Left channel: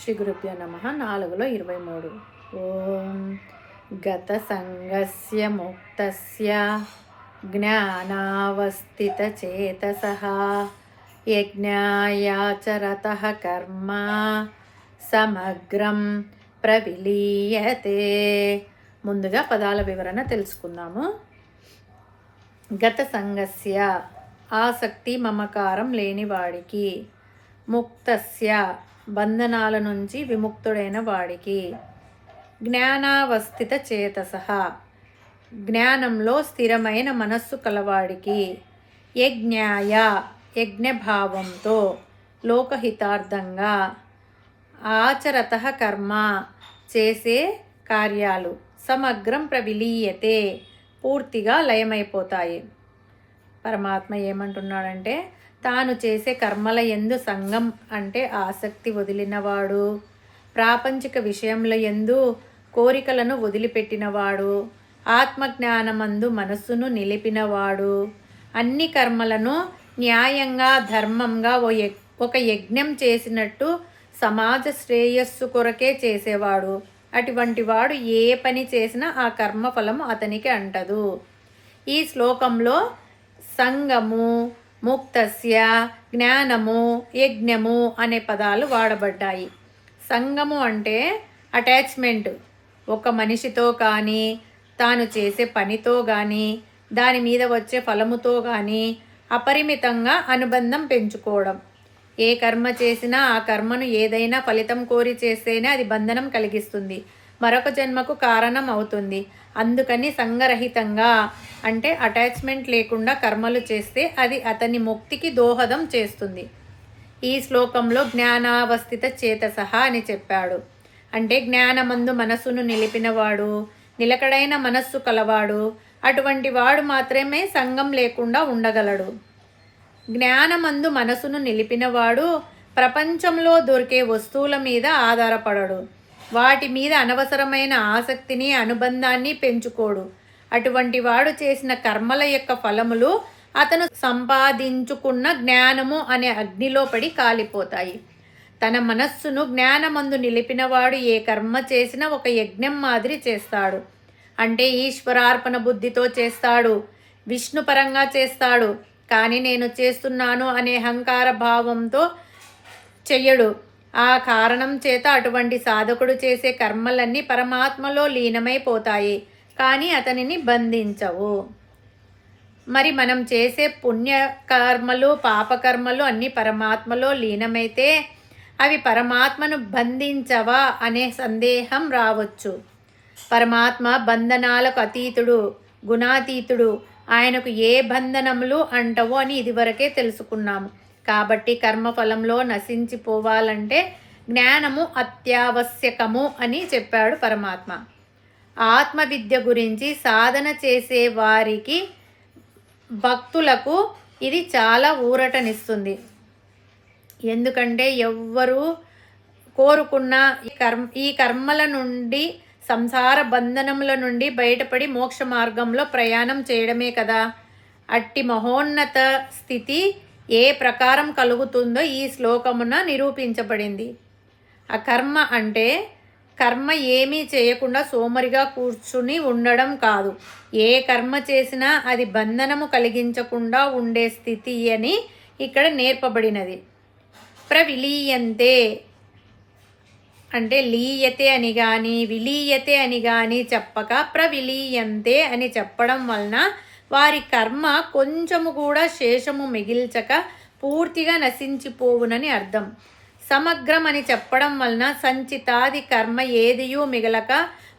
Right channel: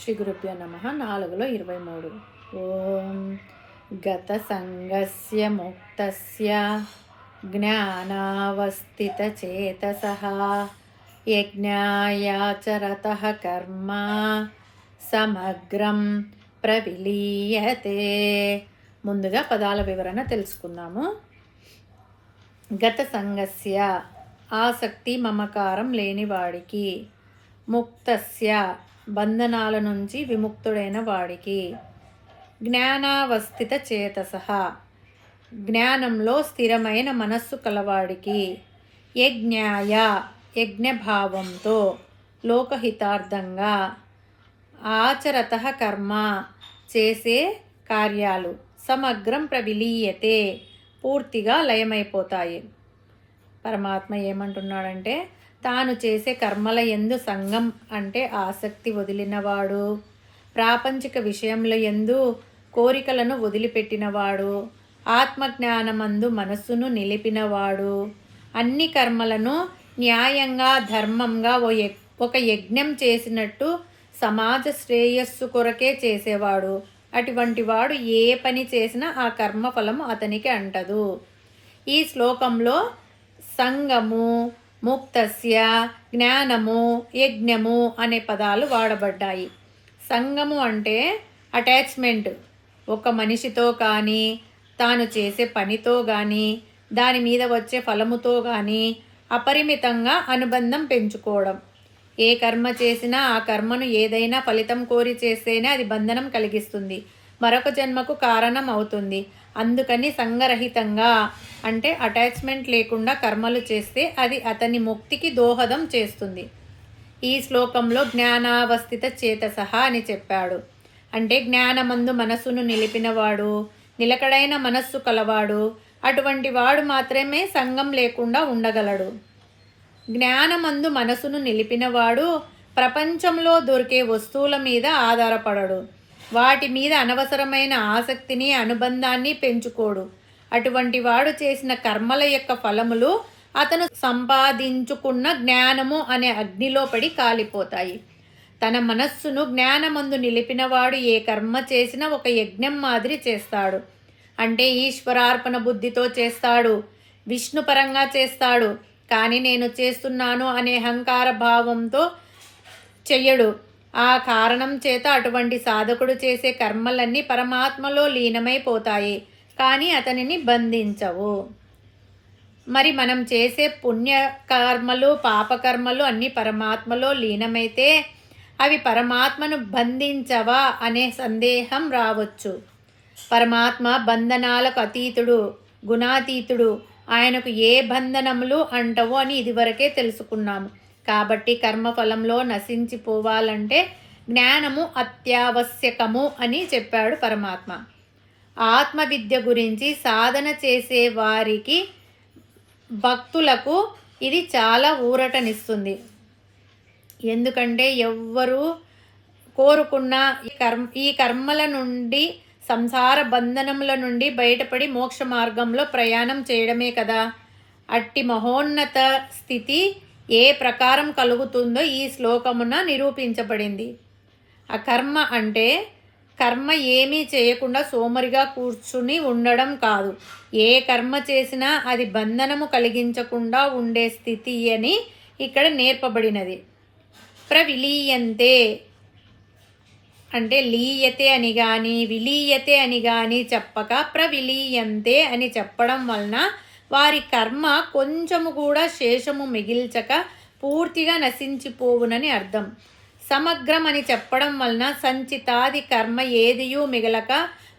శ్రీ గురుభ్యో నమః. 4:23. ఓం గత సంగస్య ముక్తస్య జ్ఞానావస్థితచేతసః యజ్ఞాయాచరతః కర్మ సమగ్రం ప్రవిలీయతే. ముందుగా పదాల వివరణ తెలుసుకుందాము. గత సంగస్య ఆసక్తి మమకారం లేనివాడికి, ముక్తస్య బంధనాల నుంచి విముక్తుడైన వాడికి, జ్ఞానావస్థిత చేతసః జ్ఞానంలో స్థిరమైన మనస్సు కలవాడికి, యజ్ఞాయ యజ్ఞభావంతో లోకహితార్థంగా, ఆచరతః కర్మ చేసే కార్యాలు, సమగ్రం ప్రవిలీయతే పూర్తిగా లయమైపోతాయి. పరమాత్మ ఏమంటున్నాడంటే, తాను చేసే కర్మల యందు సంగం అంటే ఆసక్తి వదిలినవాడు, ప్రాపంచిక విషయంలో యందు కోరికలను వదిలిపెట్టినవాడు, ఆత్మజ్ఞానమందు మనస్సును నిలిపినవాడు, అన్ని కర్మలను న్యాయంగా ధర్మంగా ఒక యజ్ఞం చేసినట్టు సమాజ శ్రేయస్సు కొరకే చేసేవాడు. అటువంటి వాడు ఏ పని చేసినా ఆ కర్మఫలము అతనికి అంటదు. ఈ శ్లోకంలో సంగము, ముక్తస్య, జ్ఞానము, యజ్ఞము అనే పదాలు వాడబడ్డాయి. సంగము అంటే అటాచ్మెంట్, ఒక మనిషితో కానీ, తాను చేసే పనితో కానీ, దాని మీద వచ్చే ఫలముతో కానీ అపరిమితంగా అనుబంధం పెంచుకోవడం. ఏ కర్మ చేసినా ఆ కర్మను ఏదైనా ఫలితం కోరి చేస్తేనే అది బంధనం కలిగిస్తుంది, మరొక జన్మకు కారణం అవుతుంది. అందుకని సంగరహితంగా అంటే అటాచ్మెంట్ లేకుండా కర్మలు చేస్తే అది అతని ముక్తికి దోహదం చేస్తుంది. ఈ శ్లోకంలో జ్ఞానావస్థిత చేతసః అని చెప్పాడు. అంటే జ్ఞానమందు మనస్సును నిలిపినవాడు, నిలకడైన మనస్సు కలవాడు, అటువంటి వాడు మాత్రమే సంగం లేకుండా ఉండగలడు. జ్ఞానమందు మనసును నిలిపినవాడు ప్రపంచంలో దొరికే వస్తువుల మీద ఆధారపడడు, వాటి మీద అనవసరమైన ఆసక్తిని, అనుబంధాన్ని పెంచుకోడు. అటువంటి వాడు చేసిన కర్మల యొక్క ఫలములు అతను సంపాదించుకున్న జ్ఞానము అనే అగ్నిలో పడి కాలిపోతాయి. తన మనస్సును జ్ఞానమందు నిలిపినవాడు ఏ కర్మ చేసినా ఒక యజ్ఞం మాదిరి చేస్తాడు. అంటే ఈశ్వరార్పణ బుద్ధితో చేస్తాడు, విష్ణుపరంగా చేస్తాడు. కానీ నేను చేస్తున్నాను అనే అహంకార భావంతో చెయ్యడు. ఆ కారణం చేత అటువంటి సాధకుడు చేసే కర్మలన్నీ పరమాత్మలో లీనమైపోతాయి, కానీ అతనిని బంధించవు. మరి మనం చేసే పుణ్యకర్మలు, పాపకర్మలు అన్నీ పరమాత్మలో లీనమైతే అవి పరమాత్మను బంధించవా అనే సందేహం రావచ్చు. పరమాత్మ బంధనాలకు అతీతుడు, గుణాతీతుడు. ఆయనకు ఏ బంధనములు అంటవో అని ఇదివరకే తెలుసుకున్నాము. కాబట్టి కర్మఫలంలో నశించిపోవాలంటే జ్ఞానము అత్యావశ్యకము అని చెప్పాడు పరమాత్మ. ఆత్మవిద్య గురించి సాధన చేసే వారికి, భక్తులకు ఇది చాలా ఊరటనిస్తుంది. ఎందుకంటే ఎవ్వరూ కోరుకున్న ఈ కర్మల నుండి, సంసార బంధనముల నుండి బయటపడి మోక్ష మార్గంలో ప్రయాణం చేయడమే కదా. అట్టి మహోన్నత స్థితి ఏ ప్రకారం కలుగుతుందో ఈ శ్లోకమున నిరూపించబడింది. ఆ కర్మ అంటే కర్మ ఏమీ చేయకుండా సోమరిగా కూర్చుని ఉండడం కాదు. ఏ కర్మ చేసినా అది బంధనము కలిగించకుండా ఉండే స్థితి అని ఇక్కడ నేర్పబడినది. ప్రవిలీయంతే అంటే లీయతే అని కానీ, విలీయతే అని కానీ చెప్పక ప్రవిలీయంతే అని చెప్పడం వలన వారి కర్మ కొంచెము కూడా శేషము మిగిల్చక పూర్తిగా నశించిపోవునని అర్థం. సమగ్రం అని చెప్పడం వలన సంచితాది కర్మ ఏదియూ మిగలక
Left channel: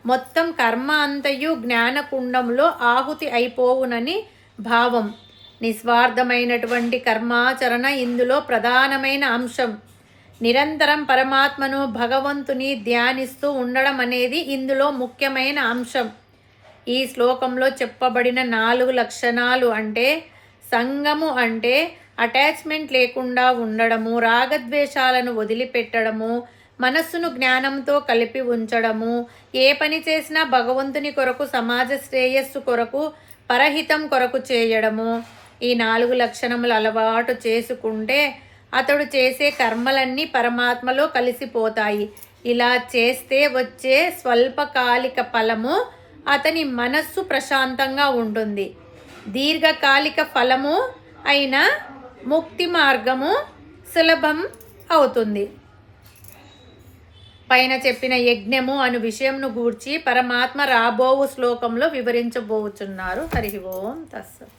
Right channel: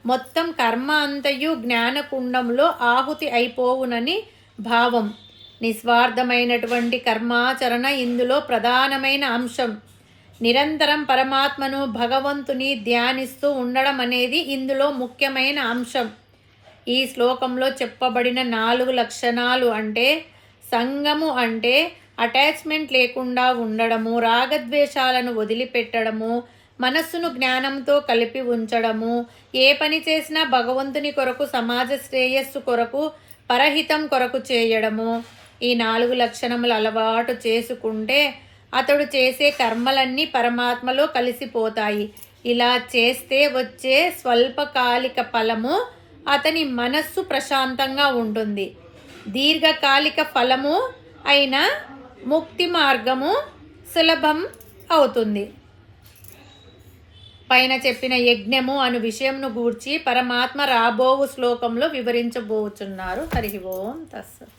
మొత్తం కర్మ అంతయు జ్ఞానకుండంలో ఆహుతి అయిపోవునని భావం. నిస్వార్థమైనటువంటి కర్మాచరణ ఇందులో ప్రధానమైన అంశం. నిరంతరం పరమాత్మను, భగవంతుని ధ్యానిస్తూ ఉండడం అనేది ఇందులో ముఖ్యమైన అంశం. ఈ శ్లోకంలో చెప్పబడిన 4 లక్షణాలు అంటే సంగము అంటే అటాచ్మెంట్ లేకుండా ఉండడము, రాగద్వేషాలను వదిలిపెట్టడము, మనస్సును జ్ఞానంతో కలిపి ఉంచడము, ఏ పని చేసినా భగవంతుని కొరకు, సమాజ శ్రేయస్సు కొరకు, పరహితం కొరకు చేయడము. ఈ 4 లక్షణములు అలవాటు చేసుకుంటే అతడు చేసే కర్మలన్నీ పరమాత్మలో కలిసిపోతాయి. ఇలా చేస్తే వచ్చే స్వల్పకాలిక ఫలము అతని మనస్సు ప్రశాంతంగా ఉంటుంది. దీర్ఘకాలిక ఫలము అయిన ముక్తి మార్గము సులభం అవుతుంది. పైన చెప్పిన యజ్ఞము అను విషయంను గూర్చి పరమాత్మ రాబోవు శ్లోకంలో వివరించబోచున్నారు. హరి ఓం తస్సత్.